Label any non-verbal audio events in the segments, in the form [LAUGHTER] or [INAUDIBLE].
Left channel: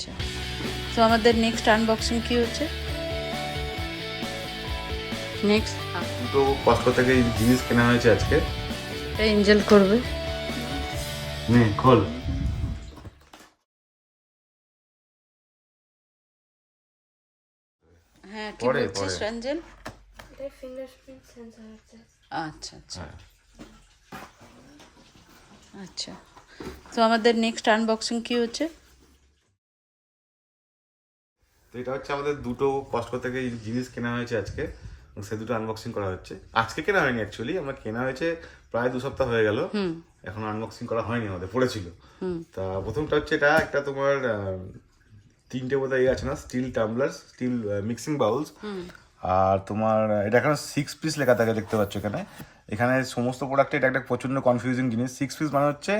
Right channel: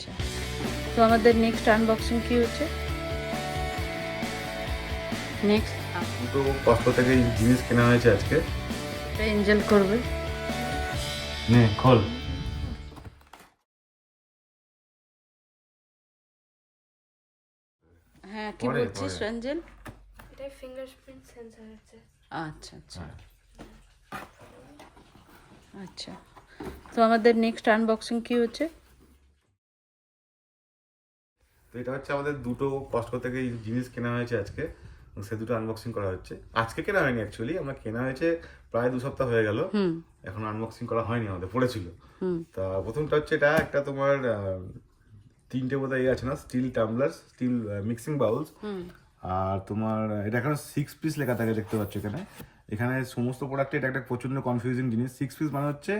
আচ্ছা তো আমাদের নেক্সট আনবক্সিং কি হচ্ছে? নেক্সট কষ্ট থেকে জিনিস কেনা হয়েছে আজকে। এঞ্জেল করবে। নে খোল। হ্যাঁ কি বলছিস পরে। রঞ্জেল এটা ফিঙ্গারপ্রিন্ট সেন্সর হচ্ছে আচ্ছা আচ্ছা। আচ্ছা। তো আমাদের নেক্সট আনবক্সিং কি হচ্ছে? তো এটা হচ্ছে আমাদের দুটো কষ্ট থেকে জিনিস কেনা হয়েছে আজকে সে দুটো আনবক্সিং করা হচ্ছে। আজকে কেনা হয়নি অ্যাকচুয়ালি আমার কেনা হয়েছে প্রায় দু সপ্তাহ হয়ে গেল। এখন আনবক্সিং করা হয়নি আমাদের পড়েছিল। তা প্রথমটা হচ্ছে এটা একটা তোমার তিনটে বোধ হয় আছে না steel tumbler steel mixing bowls আর তোমার এটা এখানে সিক্স পিস লেখা থাকে দেখতে পাচ্ছ এখানে। এখানে সমস্ত প্রোডাক্টে এটা একটা প্রচণ্ড কনফিউজিং জিনিস। সিক্স পিস মানে হচ্ছে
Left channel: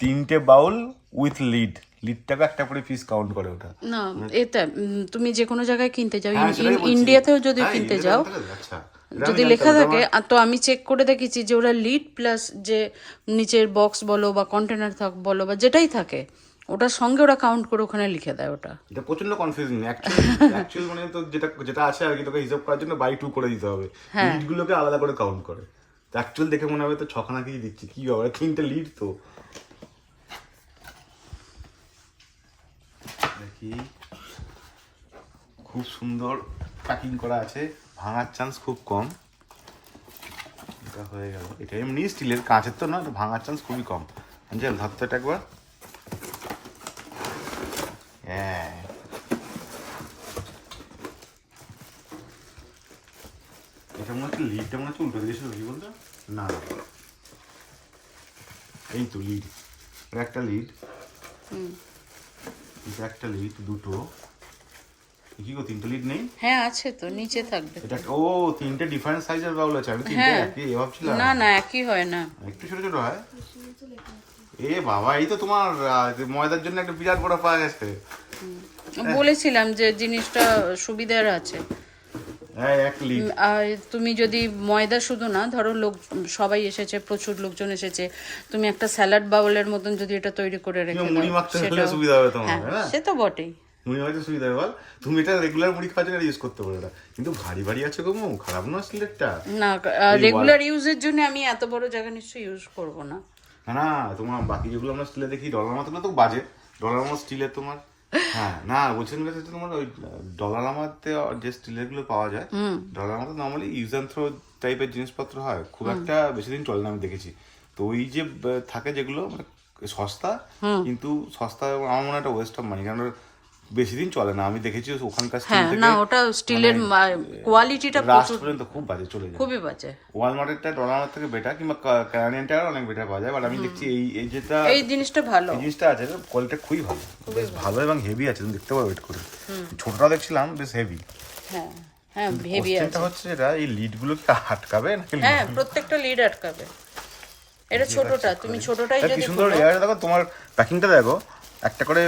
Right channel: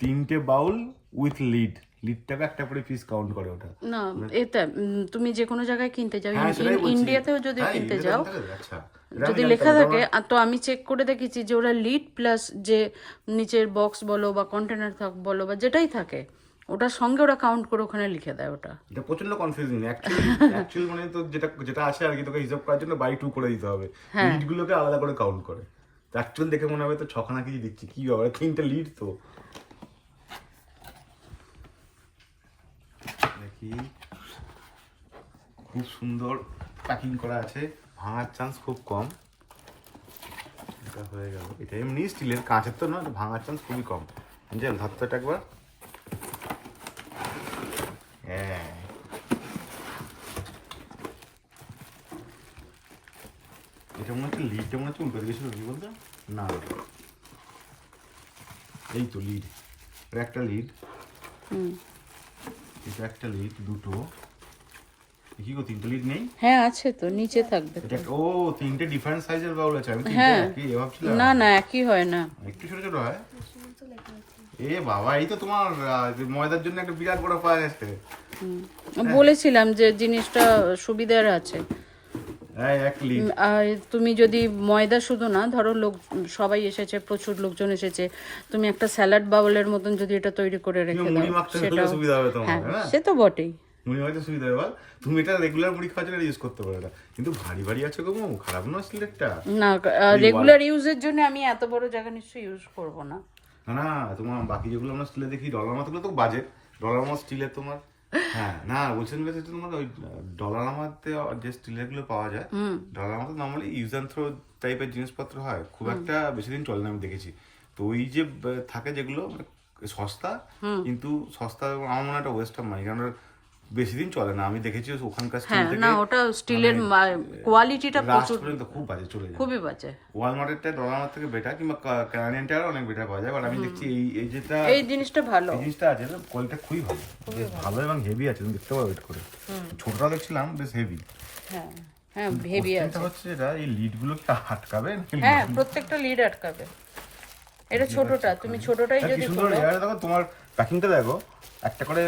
তিনটে বাউল উইথ লিড লিডটাকে একটা করে পিস কাউন্ট করে ওটা। না এটা তুমি যে কোনো জায়গায় কিনতে যাও। হ্যাঁ। ইন্ডিয়াতেও যদি হ্যাঁ, কিনতে যাও? আচ্ছা। যদি লেখা থাকে তো আমি চেক করে দেখেছি যে ওরা লিড প্লাস যে নিচের বক্স বলো বা কন্টেনার থাক বলো বা যেটাই থাকে ওটার সঙ্গে ওরা কাউন্ট করে ওখানে লিখে দেয় ওটা। এটা প্রচণ্ড কনফিউজিং অ্যাকচুয়ালি মানে তো যেটা যেটা আছে আর কি তোকে হিসাব করার জন্য বাই টু করে দিতে হবে। হ্যাঁ। লিডগুলোকে আলাদা করে কাউন্ট করে। অ্যাকচুয়াল দেখে মনে হবে তো ছখানা কি দিচ্ছি। কি হবে তিনটে লিড তো। দেখি। খুব সুন্দর প্যাকিং করা আছে। ভাঙার চান্স খুব কম। এটা হয়ে গেল। এটা এমনি স্টিলের কাঁচের তো না ভাঙার চান্স খুবই কম। আঞ্জেল ধরতে এটা একবার। হ্যাঁ। এটা মনে হচ্ছে লিডটা মনে হচ্ছে উল্টো দিয়েছিল কি বলতো? না। এই তো লিড একটা লিড এটা একটা লিড দুটো। কি গো তিনটে লিড নেই? হ্যাঁ আছে তো নিচে থাকবে। এটা ও তিনটে ডিফারেন্ট সাইজের বাউল আছে আমি তিনটে হ্যাঁ। একই ভাবছিলাম। না না একই হয় না। একটু ছোট ছোট হয়? এ বাবা এই তো তোমার ময়দার জন্য একটা বিরাট বড় পাওয়া গেছে। বলেছিলাম যে জিনিসটা সুবিধার আছে। আর তুমি যদি ময়দা শুধু না ধরো লোক সবাই এসেছে প্রচুর লোকজন এসেছে তুমি একটা স্যালাড বাউলের মতন যদি এটা তৈরি করে রেখে দাও তোমার হ্যাঁ হ্যাঁ। সে তো বটেই। মুড়ি মাখতে সুবিধা হবে বল। তুমি এটা রেগুলার মুড়ি খাওয়ার জন্য ইউজ করতে পারো এটা। কিন্তু ভারী ভারী আছে খারাপ না সিলেটটা। না রেগুলার ইউজের জন্য আমি এত বড় জায়গা নিশ্চয়ই ইউজ করব না। হ্যাঁ না তোমার বাকি যেগুলো আমরা স্টিলে দেখি ডলার মাথাগুলো তো বাজে। ডলার আমার স্টিলের তোমার হ্যাঁ না বলছেন যে তোমার ওই ডলার আমাতে যে স্টিলেরগুলো পাওয়া যায় ডলার আমাতে নর্মালি ইউজ অ্যান্ড থ্রো টাইপের জিনিসপত্র হয়। খুব একটা বেশি দিন চলে না আমি দেখেছি। তো ওই যে থাকে যেগুলো মানে সস্তা কিন্তু সস্তা আমার মনে হয় একটা ওয়েস্ট অফ মানি কারণ বেশি দিন চলে না। আমি দেখেছি ওখানকার স্টিল হ্যাঁ না ওটা স্টিলের কোয়ালিটিটা প্রচুর পর্যন্ত খুব বাজে চলে খুবই বাজে। ওয়ালমার্টেরটা ডলার থেকে বেটার কিংবা কানাডিয়ানটা অনেক বেটার পাওয়া যায় বাট আমি দেখছি এই এই যেটা এই জিনিসটা ভালো। জিনিসটা আছে কোয়ালিটি খুবই ভালো। বেশ ভালো। এবং হেভি আছে তুমি দেখতে পারো ওয়েট করে। ছোটটা দেখছিলাম বেশ হেভি হ্যাঁ হ্যাঁ হেভি আছে। হচ্ছে এটা এই কি আটকাবে হ্যাঁ প্রত্যেকটা লিড আটকাবে। এটা ছোটটা তুমি ছোটটাই কি যদি খোলো। দেখো তোমার প্যাকিংটা দেখো। একটা করে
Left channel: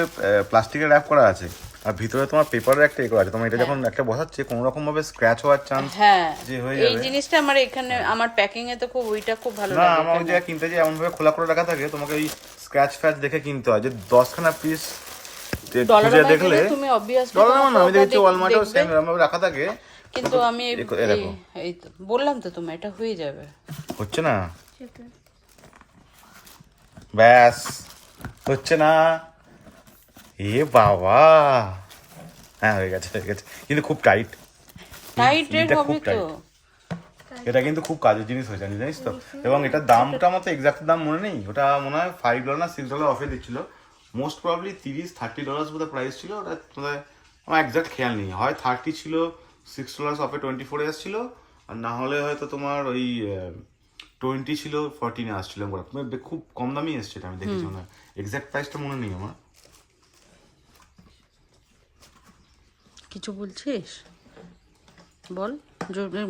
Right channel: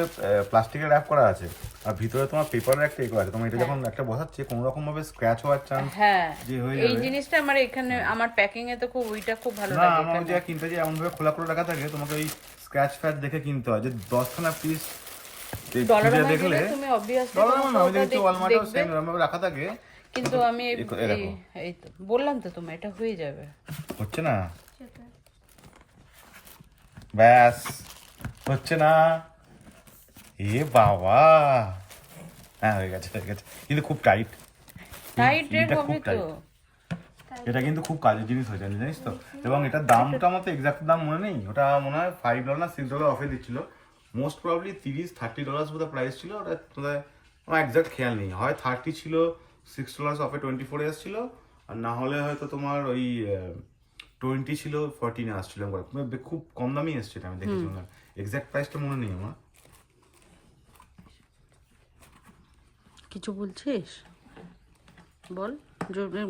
প্লাস্টিকের র্যাপ করা আছে। আর ভিতরে তোমার পেপারের একটা করা আছে। তোমার এটা যখন একটা বসাচ্ছে কোনো রকম ভাবে স্ক্র্যাচ হওয়ার চান্স হ্যাঁ। যে হয়ে এই জিনিসটা আমার এখানে আমার প্যাকিং এ তো খুব ওইটা খুব ভালো না লাগে আমার যে কিনতে যে এমন ভাবে খোলা করে রাখা থাকে তোমাকে এই স্ক্র্যাচ ফ্যাচ দেখে কিনতে হয়। যে দশখানা পিস ডলার দেখলে তুমি অবভিয়াসলি ডলার আমার না আমি দেখছি ওয়ালমার্টেও সেম রাখা থাকে। কিন্তু আমি এই- এই- এই তো বললাম তো তোমার এটা হয়ে যাবে। হচ্ছে না? ব্যাস হচ্ছে না। এ বাবা। হ্যাঁ হয়ে গেছে হয়ে গেছে। কিন্তু খুব টাইট টাইট রেট হবে তো। এটা কিন্তু খুব কাজের জিনিস হয়ে জানি জানিস তো? এবং এটার দামটা মতো এক্সাক্ট দাম মনে নেই। ওটা মনে হয় ফাইভ ডলার না সিক্স ডলার অফে দিচ্ছিল। মোস্ট প্রবলি তিরিশ থার্টি ডলার বোধহয় প্রাইস ছিল। ওটা বোধহয় আমার এক্সাক্ট খেয়াল নেই। হয় থার্টি ছিল সিক্স ডলার অফে টোয়েন্টি ফোরে এসেছিল। আর না হলে হয়তো তোমার ওই টোয়েন্টি ছিল ফোরটিনে আসছিল। খুব কম দামেই এসছে আমি দেখেছি এক্সাক্ট প্রাইসটা মনে নেই আমার। কিছু বলছিস? বল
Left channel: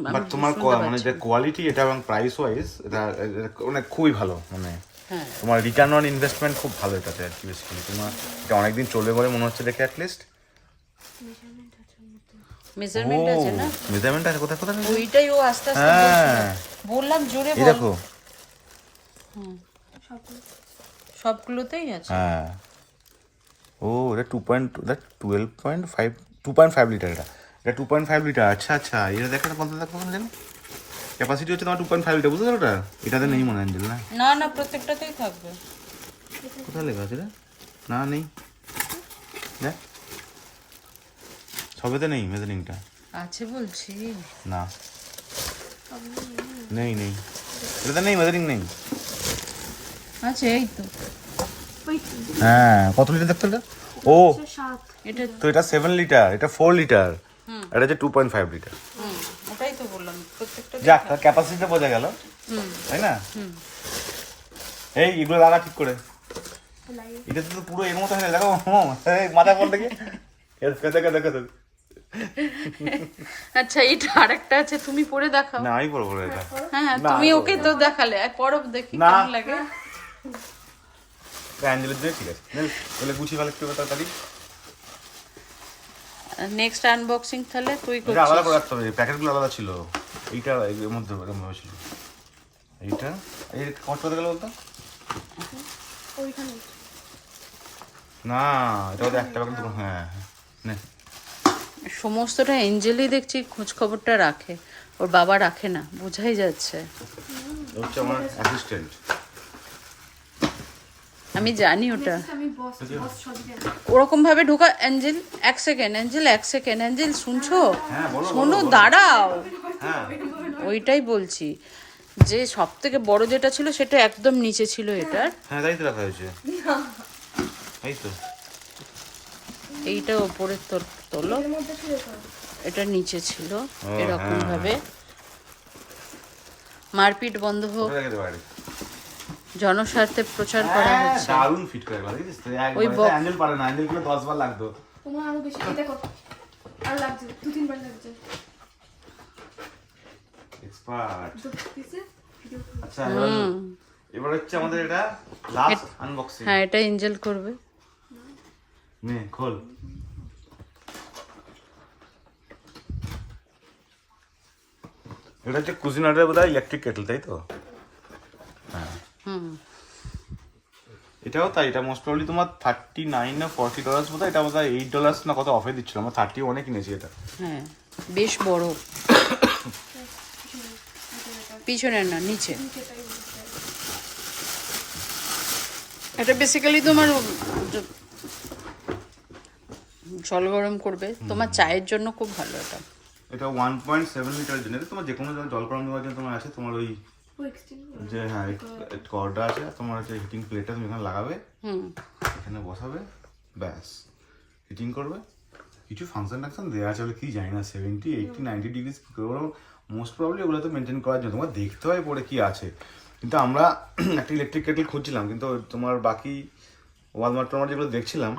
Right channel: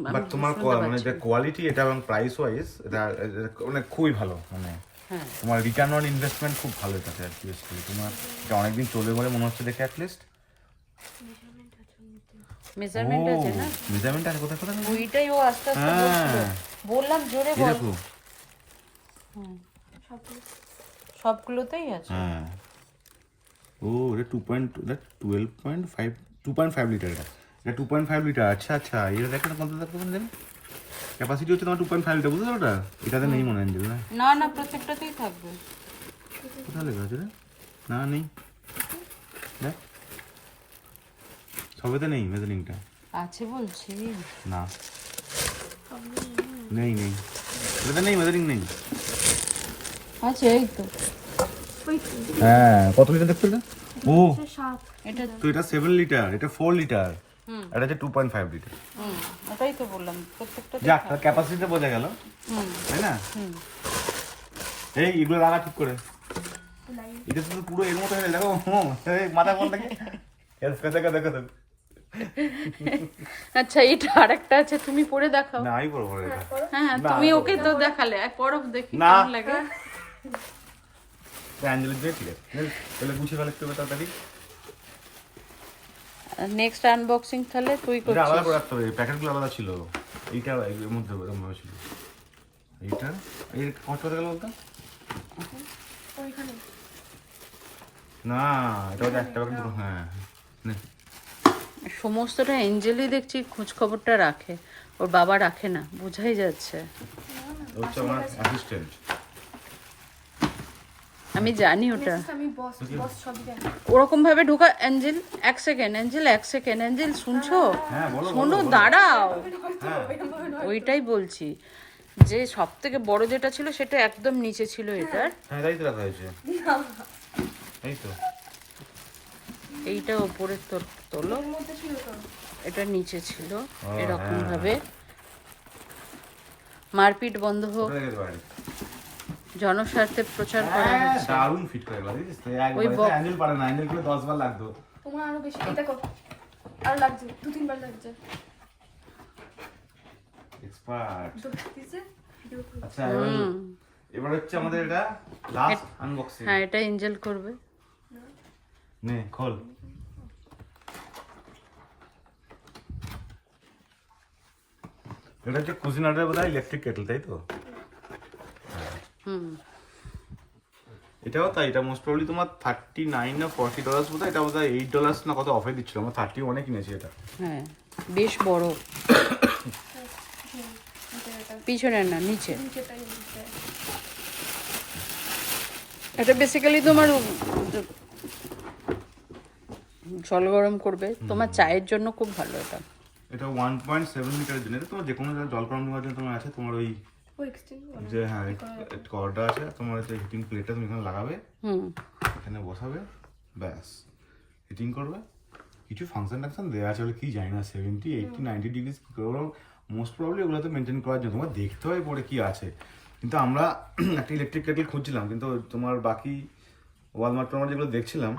বাট তোমার মানে যে কোয়ালিটি এটা এবং প্রাইস ওয়াইজ এটা মানে খুবই ভালো মানে হ্যাঁ। তোমার রিটার্ন অন ইনভেস্টমেন্ট খুব ভালো এটাতে আর কি বেসিক্যালি তোমার এটা অনেকদিন চলবে বলে মনে হচ্ছে দেখে অ্যাটলিস্ট মেজারমেন্ট আছে না? মেজারমেন্ট আছে কোথায় কোথায়? ওইটাই ও আস্তে আস্তে বলছিল। হ্যাঁ বললাম জোরে বল। দেখো। সবগুলোতেই আছে। হ্যাঁ। ও এটা two point twelve point five two point five litre এটা। এটা টু পয়েন্ট ফাইভ লিটার আচ্ছা আচ্ছা। এটা দেখো কত দেখো জানো ক্যাপাসিটি হচ্ছে তোমার টু পয়েন্ট ফাইভ লিটার বুঝতে পারো এটাতে নেই মনে হয় না? না না প্রত্যেকটাতেই থাকবে। কোথায় লেখা আছে না নেই। দেখ। সবেতে নেই মেজারিংটা। আছে বলছি। না। নেই নেই। এটাতে নেই মেজারিং নেই। আছে এই তো। হ্যাঁ কত লিটার দেখতে এটা? ও। এটা তো এটা সেভেন লিটার এটা ফোর লিটার হুম। এটা হচ্ছে টু পয়েন্ট ফাইভ লিটার হুম ওটাই তো বললাম প্রত্যেকটা যাক তার ক্যাপাসিটিটা বোঝা গেল। হুম। তাই না? এই এগুলো লাগা ঠিক করে। এটা তো পুরো এর মতো হয়ে দেখো মাথা কোল থেকে? দেখো দেখো দেখো। আচ্ছা এটা আরেকটা আছে তুমি পরে দেখাও। না আমি না এটা। হ্যাঁ হ্যাঁ তুমি ওকে তো দেখালে আর পরো দেখি। কেমন লাগে। অ্যাঞ্জেলের দিয়ে ঠিক আছে। এই, গুছিয়ে ফেলে একটু তাড়াতাড়ি। নেক্সট আনবক্সিং তাহলে তুই এটা আলাদা করে রাখতে হবে প্যাকেটগুলো আলাদা ছিল। এইটা এর মধ্যে এরকম ভাবে ছিল। এইটা? এই কত করে গেল বলতো? ওইখানে। না এটা একটা প্যাকেট হ্যাঁ হ্যাঁ। নে। সমস্তটা এঞ্জেলই দেখছি খোঁজ খবরটা রাখে। ওর বাবা রাখে না বোঝাই যাচ্ছে। হচ্ছে আমার অ্যাসিস্ট্যান্ট আমি জানি ওটা। আমি বস বস সবই জানি ওরকম ভাবে ঢোকা অ্যাঞ্জেল এক সেকেন্ড অ্যাঞ্জেল এক সেকেন্ড অ্যাঞ্জেল শুনছো? হ্যাঁ শোনো দাঁড়াও। হ্যাঁ। ওইটাই বলছি। যে সব থেকে বড় যেটা ছিল সেটা একদম নিচে ছিল এটার। হ্যাঁ তাই তো রাখা হয়েছে। এই তো। এইটা ওপরে তোল- এটা নিচে ছিল হ্যাঁ, এরকম ভাবে মারপিট বন্ধ হোক। জনস্বার্থে প্রচার করা হ্যাঁ, হচ্ছে। দারুণ ফিট করে গেল বুঝিস তো? ওই বক- অ্যাঞ্জেল পারে না অ্যাঞ্জেল করে দশ বার লাগতো। তোমার আরও বেশি এই দেখো আরও লাগছে দু তিনবার লাগছে। এক্সপার্ট আচ্ছা এবার হচ্ছে আমাদের এটা লাস্ট আনবক্সিং হ্যাঁ এটা এঞ্জেল করবে। নে খোল। এটা হচ্ছে কুজিনারের বোধহয় ইলেকট্রিক কেটল তাই তো? এটাও তাই এটা মোস্ট প্রবলি তোমার থার্টি নাইন না ফর্টি ডলার্স বোধ এটা বোধ হয় এইট ডলার্স না কত অফার দিচ্ছিল। আমরা থার্টি অনেক কিনেছি এটা। হ্যাঁ বেশ বড়। পিছনে না নিচে। এটা বেসিক্যালি তোমার জল গরম করবে। তোমার চায়ের জন্য খুব ভালো এটা। এটা ওয়ান পয়েন্ট সেভেন লিটারের জন্য তোমার যে কোনো জল গরম দেওয়ার জন্য তোমার আছে তোমার ওই যে হ্যাঁ কর্ডা আছে তোমার হচ্ছে হিটিং প্লেটটা তুমি এখানে লাগাবে। হুম। এখানে বসাবে ব্যাস। হিটিং করবে। কিছু ফাংশন টাংশন দেওয়া আছে কি জানি না সেভেন্টি এইটটি নাইনটি ডিগ্রিস কী মোস্ট প্রবলি ওগুলো তো মেনটেন করার জন্য। তোমার দেখতে হয় পরে কি আছে। কিন্তু আমরা [CLEARS THROAT] একটা ইলেকট্রিক কেটল খুঁজছিলাম কিন্তু তোমার বাকি ওয়ালমার্ট যেগুলো দেখছিলাম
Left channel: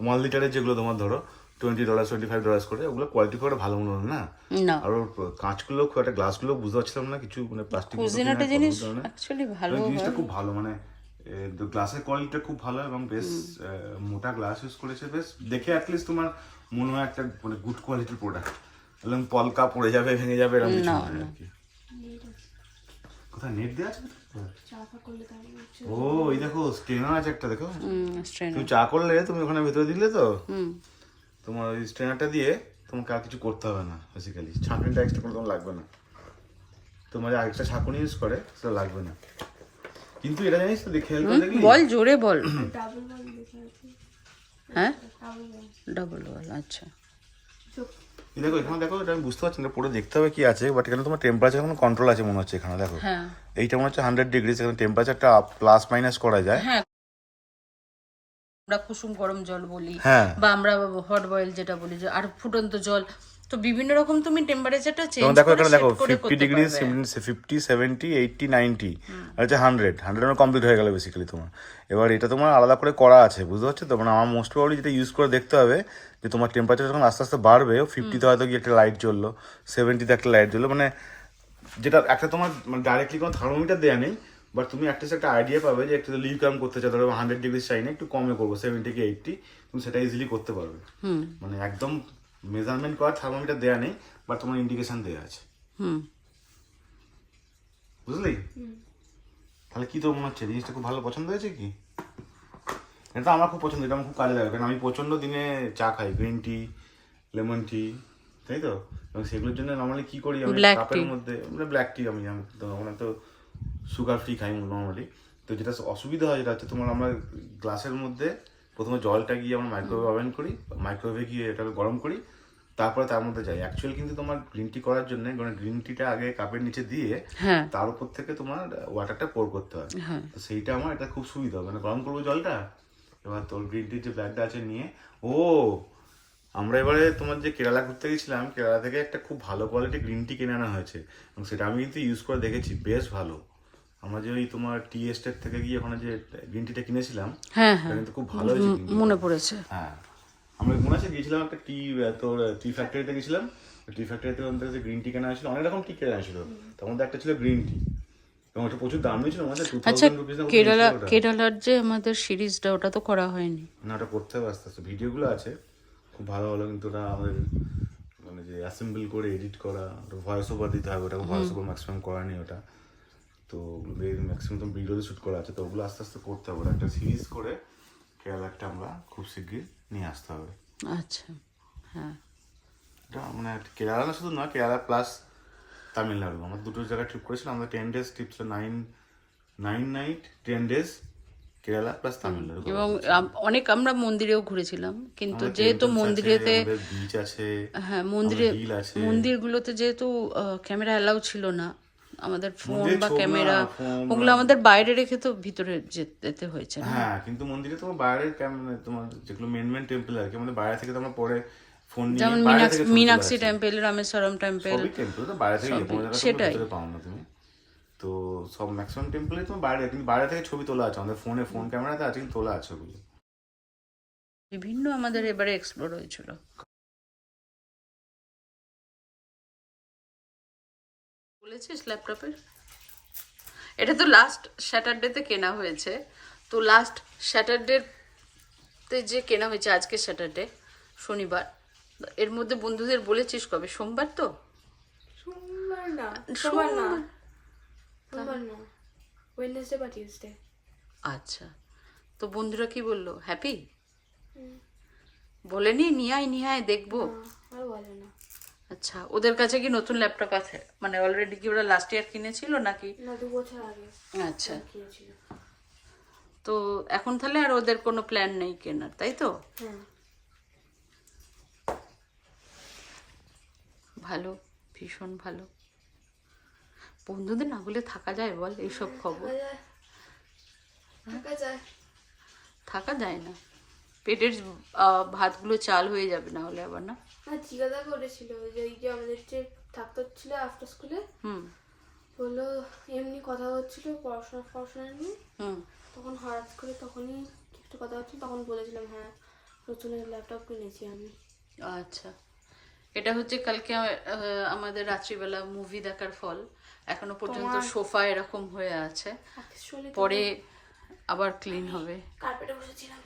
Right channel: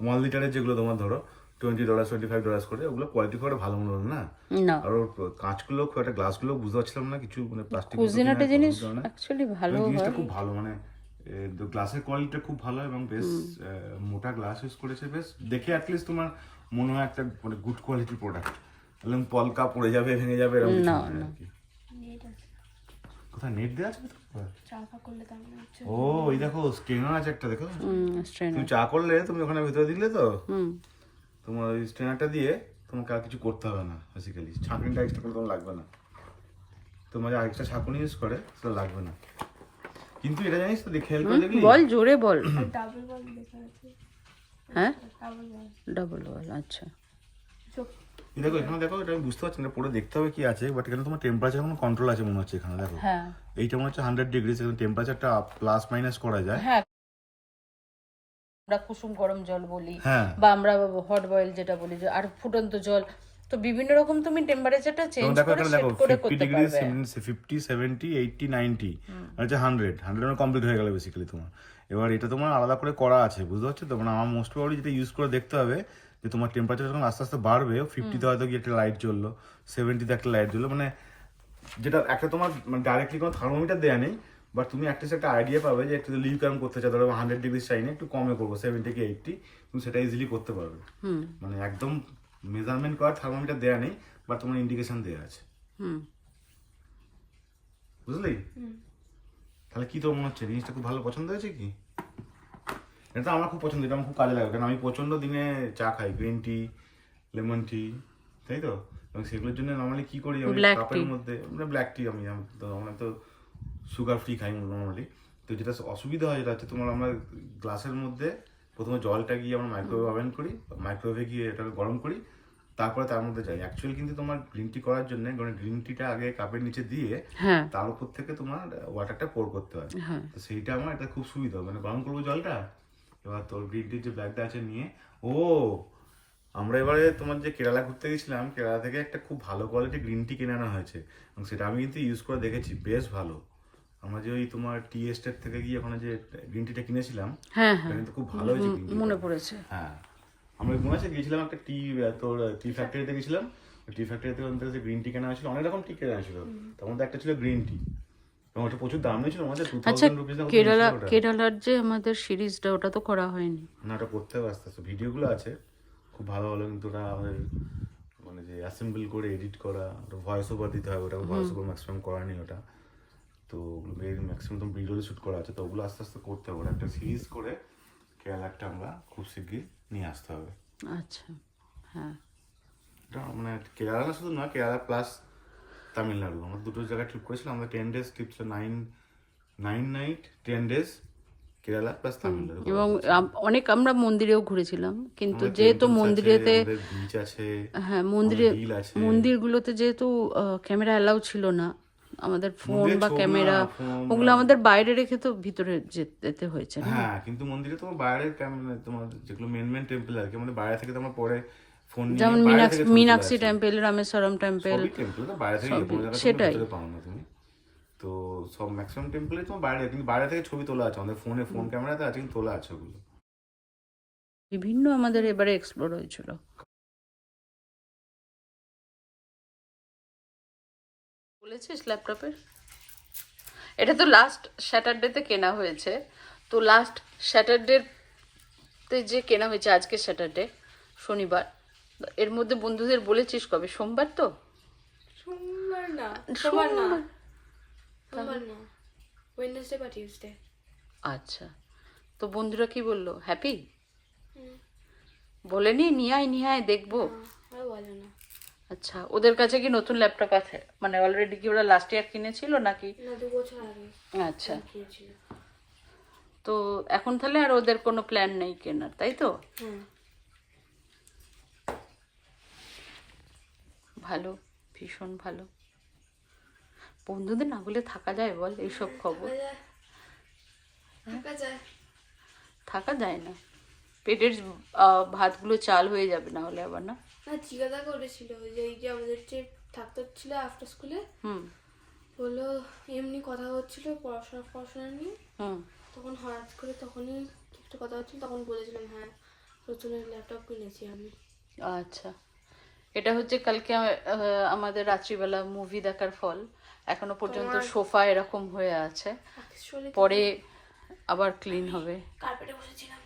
ওয়ান লিটারের যেগুলো তোমার ধরো twenty dollar twenty five dollars করে ওগুলো কোয়ালিটি করে ভালো মনে হলো না। না। আর কাঁচগুলো খুব একটা গ্লাসগুলো বুঝতে পারছিলাম না কিছু মানে প্লাস্টিক কুজিনাটা জিনিস অ্যাকচুয়ালি ভালো জিনিসটা খুব ভালো মানে গ্লাসের কোয়ালিটিটা খুব ভালো এবং বেশ মোটা গ্লাস ইউজ করেছে বেশ দেখে অ্যাটলিস্ট তোমার মনে হয় একটা মানে গুড কোয়ালিটির প্রোডাক্ট এবং পলকা পড়ে যাবে ভেঙে যাবে এরকম না, কোথায় নেট দেওয়া আছে ও এই দেখো স্ট্রেনার আছে একটা দেখো। তুমি চা করলে তুমি ওখানে ভেতরে দিলে তো? হুম। তোমার ওই স্ট্রেনারটা দিয়ে তোমাকে আর কিছু করতে হবে না বেসিক্যালি ছাঁকনিটা এক্সট্রা করে তোমার লাগবে না। তোমার আরেকটা ছাঁকুনি ইউজ করে সেটা লাগবে না। কিন্তু এটা জানিস তো দেখে দেখলি? বল জোরে বল। ডাবল বল লেখা আছে হ্যাঁ? ডাবল বল আচ্ছা। দেখো এখানে দেখো এটা আমি বুঝতে পারছি না পরে দেখতে হবে কি আছে বাট এখানে তোমার টেম্পারেচার কোনো কন্ট্রোল আছে মনে হচ্ছে এখানে দেখো। হ্যাঁ। এইটা মনে হচ্ছে হান্ড্রেড ডিগ্রি এখানে টেম্পারেচারটা প্লাস মাইনাস করা যায়। হ্যাঁ। আমরা কুসুম গরম জল বলি হ্যাঁ। বা আমরা হট বয়েল যেটা বলি যে আর ফুটন্ত জল। তো বিভিন্ন রকম তুমি টেম্পারেচারটা চেঞ্জ করে সেট করে করতে ডিগ্রি পারবে। ফিফটি সেভেন্টি এইটটি নাইনটি আর হচ্ছে হান্ড্রেড হান্ড্রেড কমপ্লিট হয়ে গেল বেসিক্যালি তোমার। এবার এটা তোমার আলাদা করে করা আছে বুঝতে পারছ? তো মানে আমার মোস্ট প্রবলি যেটা ইউজ করে দেখতে হবে যে তোমার টেম্পারেচার যখন আস্তে আস্তে বাড়বে ফিফটিতে হয়তো কি একটা লাইট জ্বললো সেভেন্টিতে একটা লাইট জ্বললো মানে যেটা একটা তোমার মানে ডাইরেক্টলি কোনো থার্মোমিটার দেওয়া নেই বাট তুমি একটা একটা আইডিয়া পাবে যে একটু লিভ কাম করতে চাও ধরো হান্ড্রেড ডিগ্রি চাই না একটু কমে করব সেভেন্টি কি এইটটি তুমি সেটা ইজিলি করতে পারবে। মানে একদম মেজারমেন্ট করার থার্মোমিটার দেওয়া নেই বাট তোমার ইন্ডিকেশন দেওয়া আছে। বুঝলি? তাহলে কি তোর মনে হচ্ছে? জিনিসটা খুব ভালো পছন্দ হয়েছে কি? এটা আমার খুব পছন্দ এটা আমার খুব কাজে লাগে কারণ আমি প্রচণ্ড দিনে চা খাই গ্রিন টি লেমন টি তাই তো? এবং সেগুলোর জন্য নর্মালি কি করি আমি? কাপের মধ্যে ব্ল্যাক টি আমি আমি তো আমরা তো সুগার ফ্রি খাই নর্মালি তো যেটা অসুবিধা হয় যেটা হচ্ছে তোমার আমরা গ্লাসের মধ্যে প্রথমে জলটা গিয়ে আমরা মাইক্রোওয়েভ ওভেন করি মাইক্রোওয়েভে গিয়ে এটাকে গরম করি তারপরে তার মধ্যে যাই। অ্যাকচুয়ালি কিন্তু তোমার গ্রিন টি করার জন্য মানে গ্রিন টিটা আগে কাপের নিচে দিয়ে হ্যাঁ। তার উপর থেকে তোমার ওয়াটারটা পোর করতে হয়। হ্যাঁ। তো সেইটা আমার এটা খুব সুবিধা মানে গরম করব জলটা? এবার তোর গ্রিন টির যে ব্যাগটা আছে নিয়ে ও আমরা এবারে তোমার যে কেরালা ঘুরতে গেছিলাম কেরালা থেকে একটা খুব ভালো কোয়ালিটি গ্রিন টি কিনে আনা হয়েছে। এবং সেটা আমি কিন্তু ইউজ করে দেখেছি বেশ ভালো। আমরা যে ওই তোমার টি এস্টেট থেকে গিয়ে ওখানে যে গ্রিন টিটা কিনেছিলাম হ্যাঁ হ্যাঁ। কিন্তু খুব ভালো হয়েছে মনে পড়েছে। হ্যাঁ। আমরা মনে আছে গিয়েছিলাম একটা টি তোর টি ফ্যাক্টরিতে গেছিলাম। টি ফ্যাক্টরিতে ওখান থেকে গ্রিন টি কেনা হয়েছিল অনেক রকম টি কেনা হয়েছিল। তার মধ্যে একটা ছিল গ্রিন টি এবং ওটা প্রচুর দাম নিয়েছিল আছে টু থাউজেন্ড রুপিস কেরালা কেরালার যে আমাদের সিরিজটা ওটা তো করা হয়নি। না ওটা করতে হবে আস্তে আস্তে। ভিডিওগুলো আছে। খুব ভালো ভালো কিন্তু ওটা আমাদের মানে যে অ্যাসেম্বল করে এডিট করা ভয়েস ওভার দিতে হবে ওটা ভয়েস ওভার ম্যাক্সিমাম করা নেই ওটা। তো ম্যাক্সিমাম তো ভিডিওতে শ্যুট করা আছে তো ওগুলো আস্তে আস্তে করতে হবে। একটা সিরিজ করে কেরালারটা আমরা খুব শিগগির নিয়ে আসতে হবে। আচ্ছা হ্যাঁ। মানে কেরালা না শুধু না কেরালা প্লাস তামিলনাড়ু। আমরা দুটো জায়গায় ট্রিপ করেছিলাম আমরা টেন ডেজ ট্রিপ ছিল nine nine night ten days Kerala plus Tamil Nadu এবং অনেক আমরা মন্দিরেও ঘুরেছিলাম কিন্তু যেহেতু মন্দিরেতে হ্যাঁ মন্দিরে মন্দিরগুলোতে যেহেতু ক্যামেরা অ্যালাউ ছিল না আমাদের ফোন বা ক্যামেরা ওগুলো আমাদের বাইরে রেখে তো ভিতরে যেতে হয়েছে হ্যাঁ কিন্তু মন্দিরে তোমার বাইরে ক্যামেরা তোমার যেগুলো মেন মেন টেম্পল আর কি মানে বাইরে থেকে তোমার পরে ফোন নিয়ে যেমন মিনাক্ষী টেম্পল রামেশ্বরম টেম্পল তো বাইরে থেকে। সেটাই। পাও না তুমি। তো সব ম্যাক্সিমাম টেম্পলে তোমার বাইরে কিন্তু বাইরে থেকে ছবি তোলা আছে আমাদের ফোনে ফোন ক্যামেরাতে আছে কিন্তু তোলা আছে ওগুলো। বিভিন্ন আমাদের এবারে এক্সপ্লোর হয়েছিল। বলেছিস ল্যাপটপের? এটা তো লাস্ট স্যাটারডেতে কেনা হয়েছে। তো লাস্ট স্যাটারডেতে যে কেনা হয়েছে আজকে স্যাটারডে শনিবার। এর মধ্যে বন্ধুদের বলেছিস কবে? সোমবার তো? সোমবার না সোমবার না। সোমবার। না। ওয়েডনেসডে বা টিউসডে আচ্ছা। তো বন্ধুরা কি বলল? হ্যাপি বলেনি? নিয়ে আয় নিয়ে আয় দেখব আর বলে না। আচ্ছা ওদের কাছে কি নতুন ল্যাপটপ আছে? মানে অলরেডি কি ওরা লাস্ট ইয়ার কিনেছিল নাকি? না দু বছর আগে আচ্ছা। তো এখন তাহলে আর ওদের কোনো প্ল্যান নেই কেনার তাই তো? হ্যাঁ ভালো ভীষণ ভালো। বন্ধুদের না বলে থাকা যায় বল এইসব খবর। থাকা যায় না। পেটের ভাতগুলো চাল হয়ে যাবে না হলে আবার না? না জিজ্ঞাসা করেছিল যে এই যে আমাদের যে থাকতে হচ্ছিল আফটার স্কুলে হুম। বলল এমনি কথা হচ্ছিল পড়াশোনা পড়াশোনা নিয়ে। হুম। তখন হঠাৎ করে তখনই একটু কথা হচ্ছিল তখন বলেছিলাম হ্যাঁ নতুন ল্যাপটপ কিনেছি আমি। আচ্ছা। এটা হচ্ছে কালকে আমাদের রাত্রিবেলা মুভি দেখার ফল। এখনও পর্যন্ত সোফা এরকম হয়ে আছে। পরে আবার ক্লিন হবে। কার্পেটে বসেছিলাম।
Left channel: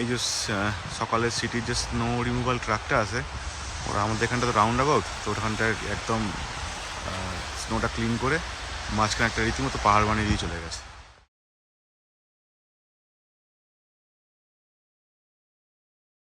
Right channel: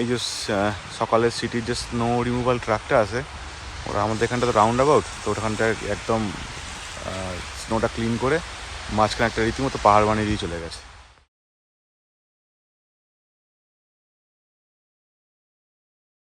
এই যে সকালের সিটির যে স্নো রিমুভাল ট্রাকটা আছে, ওরা আমাদের এখানটা তো রাউন্ড অ্যাবাউট তো ওখানটায় একদম স্নোটা ক্লিন করে, মাঝখানে একটা রীতিমতো পাহাড় বানিয়ে দিয়ে চলে গেছে।